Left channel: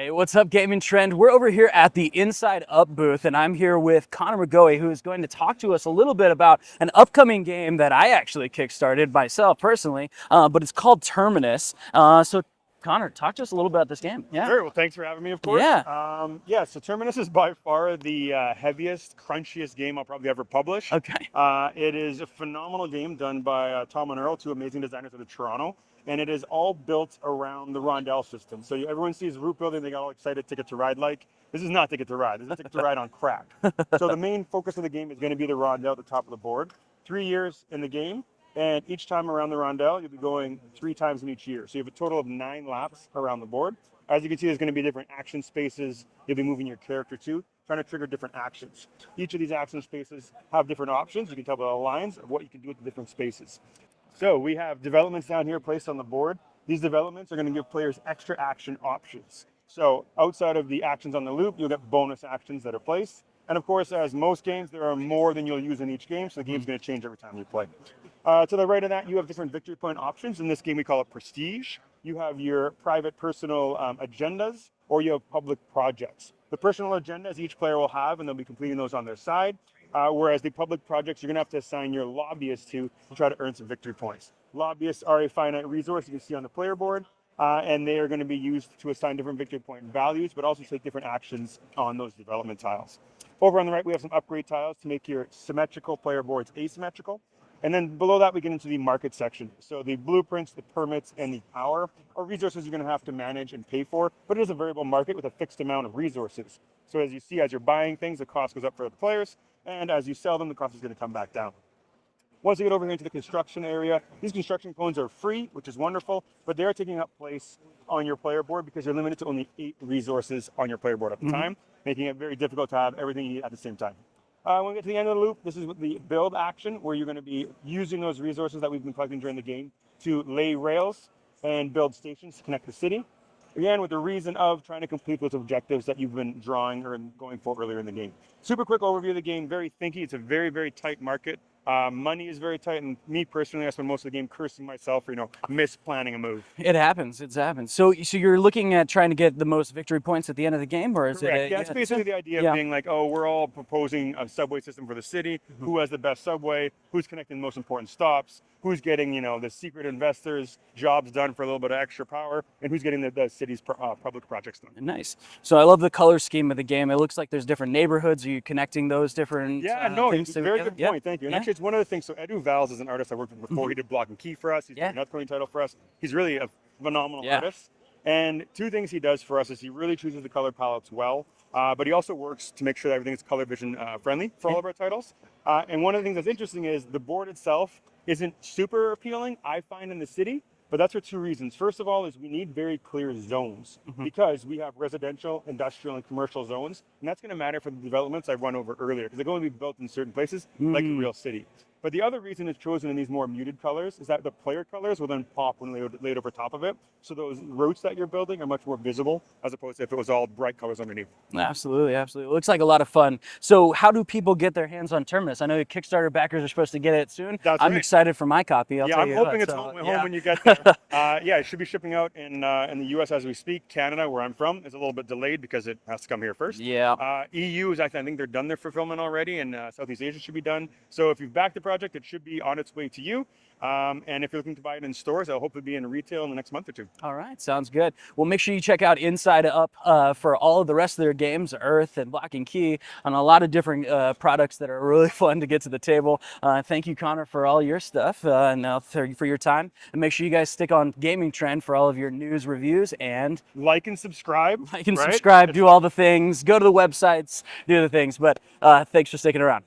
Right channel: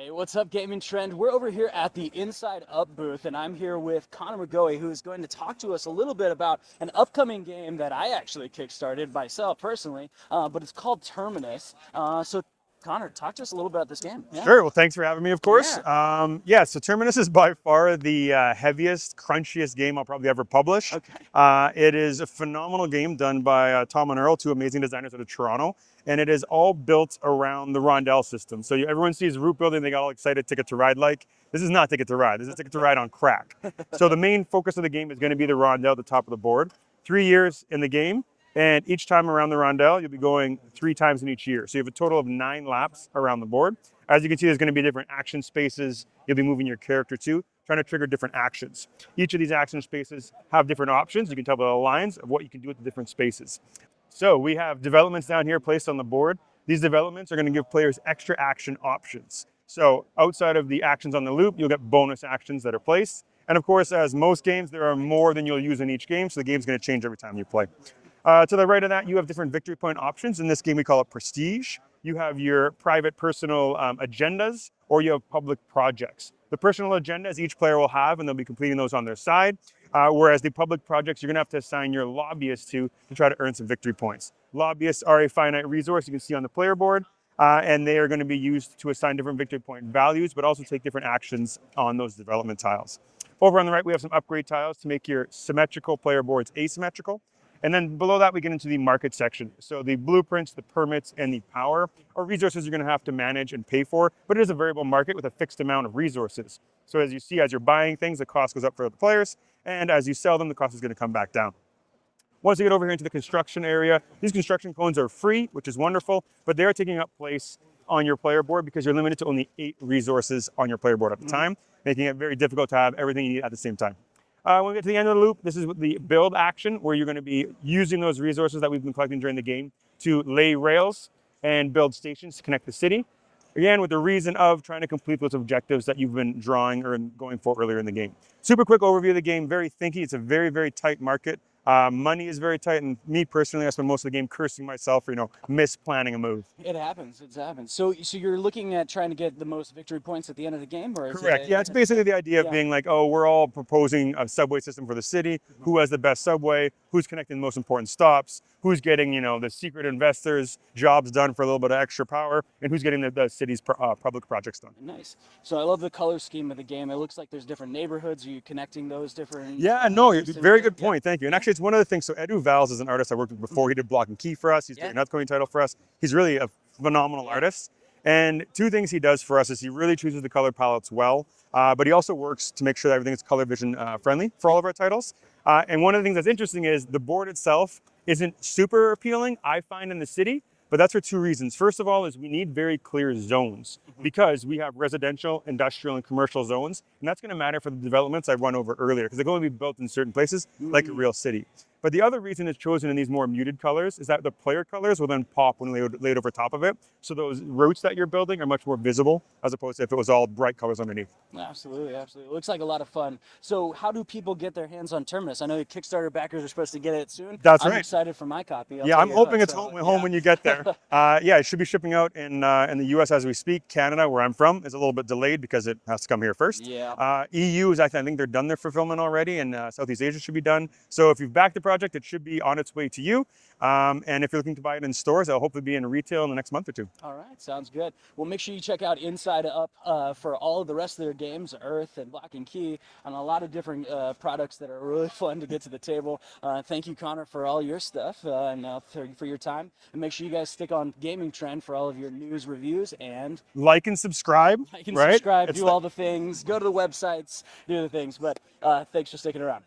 Hey, what's up, Gamingtrend? We're over here at the Inside Up booth, and I'm here with Connor McGoey, who is going to talk to us a little bit about an upcoming game that I actually kickstarted myself personally, but it's called Terminus. So, Connor, talk to us a little bit about this game. Yeah. Sure. Well, thanks for having me, of course. Yeah. So Terminus is by far the heaviest, crunchiest game I'll probably ever publish. Okay. It is a phenomenal game done by Tom and Earl, two amazing designers out of Toronto, and it is all built around the Rondel system. So everyone sees root building, they got all excited, Ticket to Ride like. This is not Ticket to Ride. This is Ticket to Ride on crack. So the main focus of the game is going to be the Rondel at the top of the board. 3 years in the game. And each time around the rondel, you'll be going 3 times in each year. So you have a total of 9 laps around the board. As you can see, there's going to be different action spaces you'll be moving your character to, trying to trigger different actions. Each of these action spaces have different options. You can tell by the lines of what you can do with the different spaces. So we have developments down here placed on the board. These developments are going to give players extra action options. So outside of the actions on the loop, you'll get bonus actions that are placed. And of course, as most games, there are more than you'll use in each game, so the game's going to change every time you play. To the right of that, you have different victory point options. In this game, we call it Prestige. You have your private personal agendas, or you have public projects. The personal agendas each player will have, and they'll be completing those on their side. Whereas the public projects, you're going to have to assign your lobbyists to try to earn some victory points. Lobbyists are a finite resource you can see on the player board, and they are going to be used to assign different victory point values, but also take different actions on those development tiles. Over on the right, we have some upgrade tiles to make your symmetrical player boards asymmetrical. And then below that, we get into the market section. So the blueprints, the permits, and the power are resources you're going to have to manage and pay for, but it is a variable market with a fixed amount of resources. So as you see, as you're buying things, the cost goes up for the players, and as you sell them, the cost is going to come back down. Once you get over here into the construction area, these construction cones are free, which is wonderful, but they're taking up place on your player board because you're limited to only 8 resources on your player board at the time, making it very difficult to have everything you need at the same time. When we get to the end of the loop, this is the build action, where you're going to be using those resources that we've been collecting during the game to lay rails and build stations to connect the city. Again, with the reason of trying to complete those objectives that you've been drawing or going for earlier in the game. Super quick overview of the game, very thinky. It's a very, very tight market. Money is very tight, and me personally, I spend most of the game cursing myself for, misplanning a move. It happens. It happens. So you're looking at trying to get the most victory points at the end of the game, or is Correct. it? Yeah, it's basically the idea of being like, oh, we're all proposing a subway system for the city. Who has the best subway? Who's connecting the most important stops? Who's getting, the secret investors' jobs done for a little bit of extra power? And who's getting the city's public projects done? Nice. So I love the color scheme of the game. It looks like there's different neighborhoods. Are you connecting those different? Yeah, no, things very together? good point. Thank you. And actually, it's one of the things. So Edu Valls is an artist I worked with before. He did Block and Key for us. He's doing an upcoming title for us. He's really a phenomenal artist. And 2 things he does for us is he really chooses the color palettes well, but he also works to make sure that everything is color vision friendly for all of our titles. And one of the things that's interesting is the board itself isn't super appealing, I find, in the city. But that's for 2 reasons. First of all, is we need very clear zones because we have residential, industrial, and commercial zones. And that's going to matter for the developments I run over earlier because they're going to be built in certain places like a real city. But the other reason it's chosen in these more muted colors is that the player colors will then pop when laid over top of it. So those routes that you're building are much more visible as opposed to if it was all bright colors underneath. Absolutely, absolutely. It looks like a lot of fun. So how do people get their hands on Terminus? I know Kickstarter backers are supposed to get it soon. I'm excited for my copy. I'm hoping it's home when you get there. It should be shipping out in the US as we speak. Canada, where I'm from, is a little bit delayed because it has to come here first. Yeah. EU is, I think they're done their fulfillment already, and Southeast Asia should be done. So if you've backed the project, it should be on its way to you. And if you're looking to buy it in stores, it'll hopefully be in retail in the next month or 2. All right, sounds good. Well, make sure you check out Inside Up for all of the rest of their games, Earth and Block and Key, and a lot of different products that are really fun to get to the table. Thank you, Connor, for all your stuff and for your time. And make sure you guys stick on Gamingtrend for all of your news, reviews, and like and subscribe. Subscribe, do all the things, go to the websites, do the things. But thanks for sticking around.